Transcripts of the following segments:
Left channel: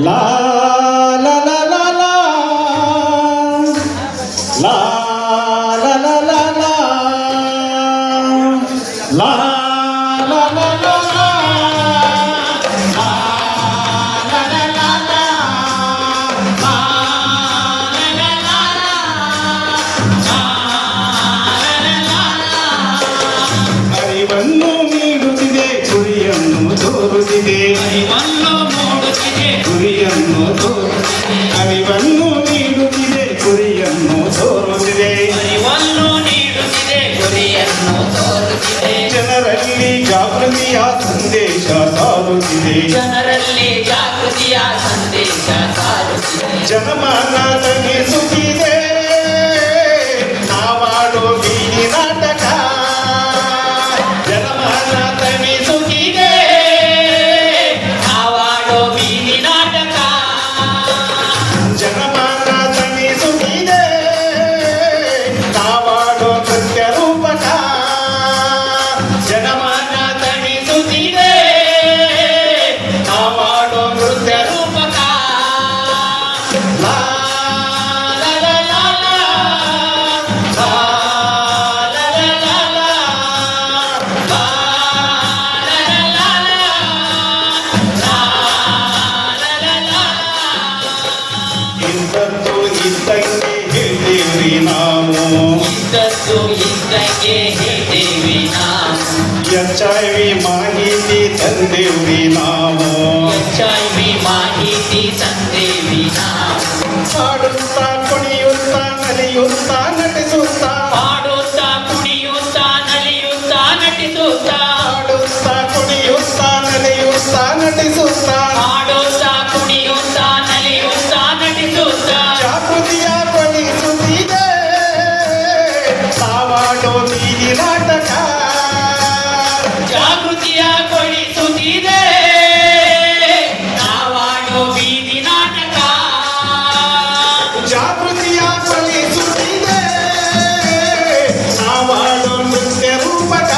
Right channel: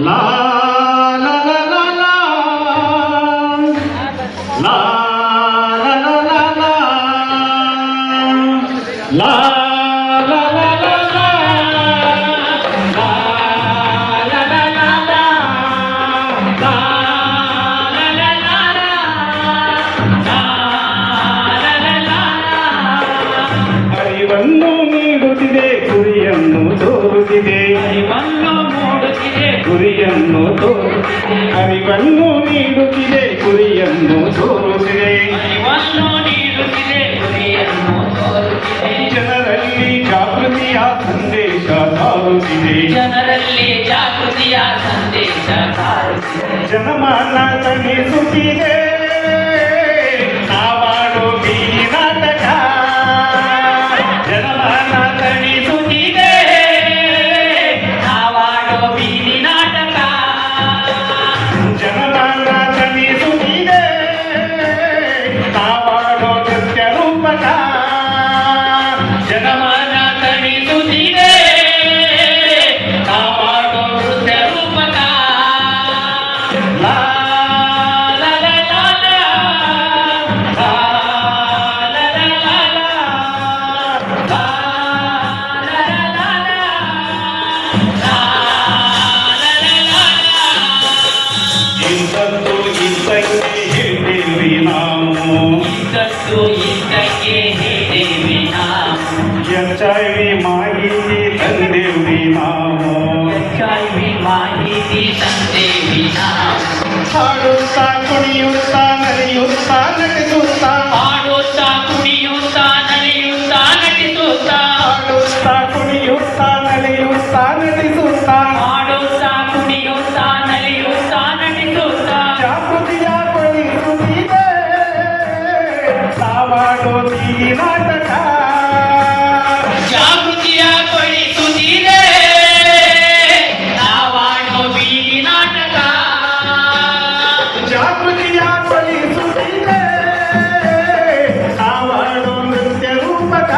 ಲಾ ಲಾ ಲಾ ಲಾ ಲಾ ಲಾ ಲಾ ಲಾ ಲಾ ಲಾ ಲಾ ಲಾ ಲಾ ಅರಿವನ್ನು ನೀಡುತ್ತಿದೆ ಗುರಿಯನ್ನು ತೋರುತ್ತಿದೆ ಗುರಿಯನ್ನು ಅರಿವನ್ನು ನೀಡುತ್ತಿದೆ ಗುರಿಯನ್ನು ತೋರುತ್ತಿದೆ ಜನರಲ್ಲಿ ಜಾಗೃತಿಯ ಸಂದೇಶ ಸಾರುತ್ತಿದೆ ಜನಮಾನ ತಗ್ಗಿಸುತ್ತಿದೆ ನಾವಾಡೋ ಬೀದಿ ನಾಟಕ ಜನಮಾನ ತಗ್ಗಿಸುತ್ತಿದೆ ಜನಮಾನ ತಗ್ಗಿಸುತ್ತಿದೆ ನಾವಾಡೋ ನೃತ್ಯ ರೂಪಕ ಜನಮಾನ ತಣಿಸುತ್ತಿದೆ ನಾವಾಡೋ ನೃತ್ಯ ರೂಪಕ ಲಾ ಲಾ ಲಾ ಲಾ ಲಾ ಲಾ ಲಾ ಇಂಥದ್ದು ಇದ್ದಂಗೆ ಹೇಳ್ತೇವೆ ನಾವು HIV ಮಾಹಿತಿ ತಂದೇವಿ ನಾವು ಹಾಡುತ್ತಾ ಕುಣಿಯುತ್ತಾ ನಲಿಯುತ್ತಾ ನಟಿಸುತ್ತಾ ಹಾಡುತ್ತಾ ಕುಣಿಯುತ್ತಾ ನಟಿಸುತ್ತಾ ಜಾಗೃತಿಯ ಪಡಿಸುತ್ತಿದೆ ನಾವಾಡೋ ಬೀದಿ ನಾಟಕ ಜಾಗೃತಿಯ ಪಡಿಸುತ್ತಿದೆ ನಾವಾಡೋ ನೃತ್ಯ ರೂಪಕ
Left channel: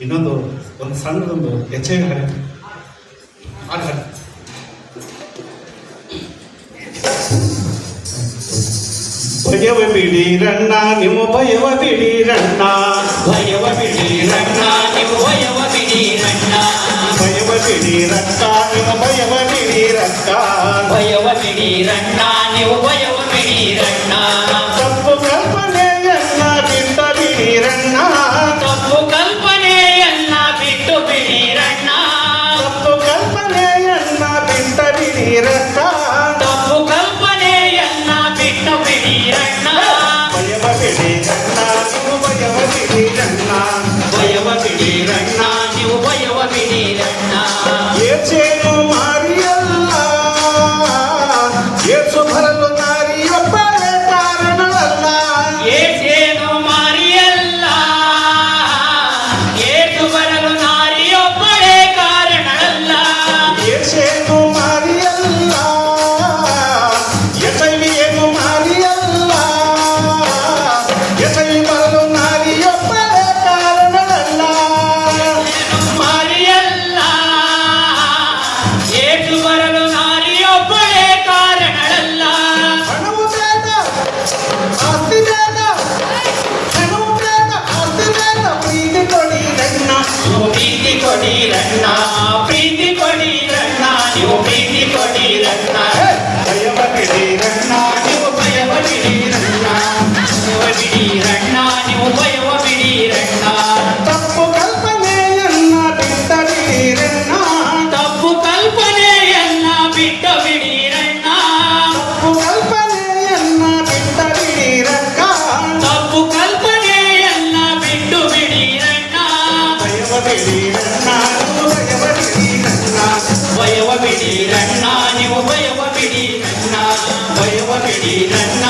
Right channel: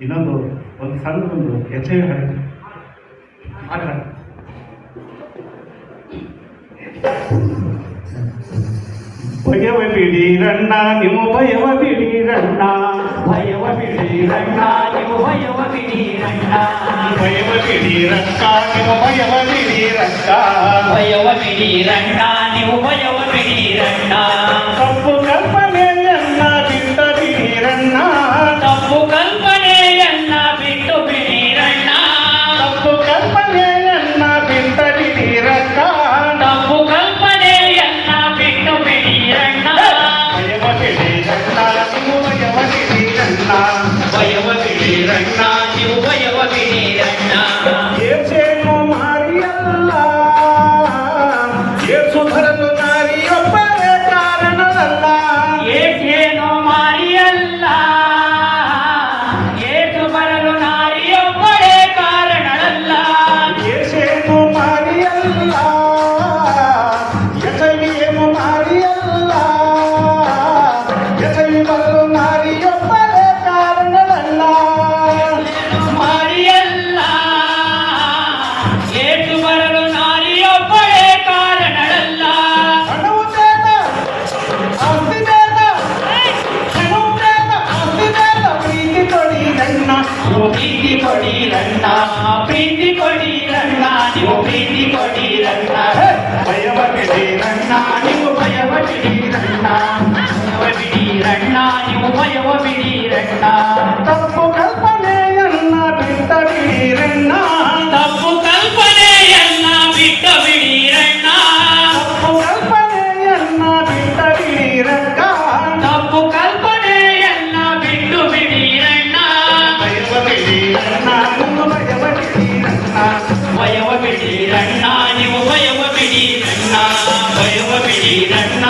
ಇನ್ನೊಂದು ಒಂದು ಸಣ್ಣದೊಂದು HIV ಭಯವ ಬಿಡಿರಣ್ಣ ನೀವು ಭಯವ ಬಿಡಿರಣ್ಣ ಭಯವ ಬಿಡಿರಣ್ಣ ನೀವು ಭಯವ ಬಿಡಿರಣ್ಣ ತಪ್ಪು ಕಲ್ಪನೆಯನ್ನ ಬಿಟ್ಟು ಬಿಡಿರಣ್ಣ ಏಸೇನು ಮಾರಿಯಲ್ಲ ಏಸು ಬರಲು ದಾರಿಯೊಬ್ಬರೇ ಕಾರಣವಲ್ಲ ಏಸೇನು ಮಾರಿಯಲ್ಲ ಎಸವಿಯೇನು ಮಾರಿಯಲ್ಲ ಎಸವಿ ಬರಲು ನಾರಿಯೊಬ್ಬರೇ ಕಾರಣವಲ್ಲ ಹಣವು ಬೇಡ ಆಸ್ತಿ ಬೇಡ ಹಣವು ಬೇಡ ಆಸ್ತಿ ಬೇಡ ಪ್ರೀತಿ ಕೊಡಿರಣ್ಣ ನೀವು ಪ್ರೀತಿ ಕೊಡಿರಣ್ಣ ಭಯವ ಬಿಡಿರಣ್ಣ ನೀವು ಭಯವ ಬಿಡಿರಣ್ಣ ತಪ್ಪು ಕಲ್ಪನೆಯನ್ನ ಬಿಟ್ಟ ಬಿಡಿರಣ್ಣ ಭಯವ ಬಿಡಿರಣ್ಣ ಕೊಡಿರಣ್ಣ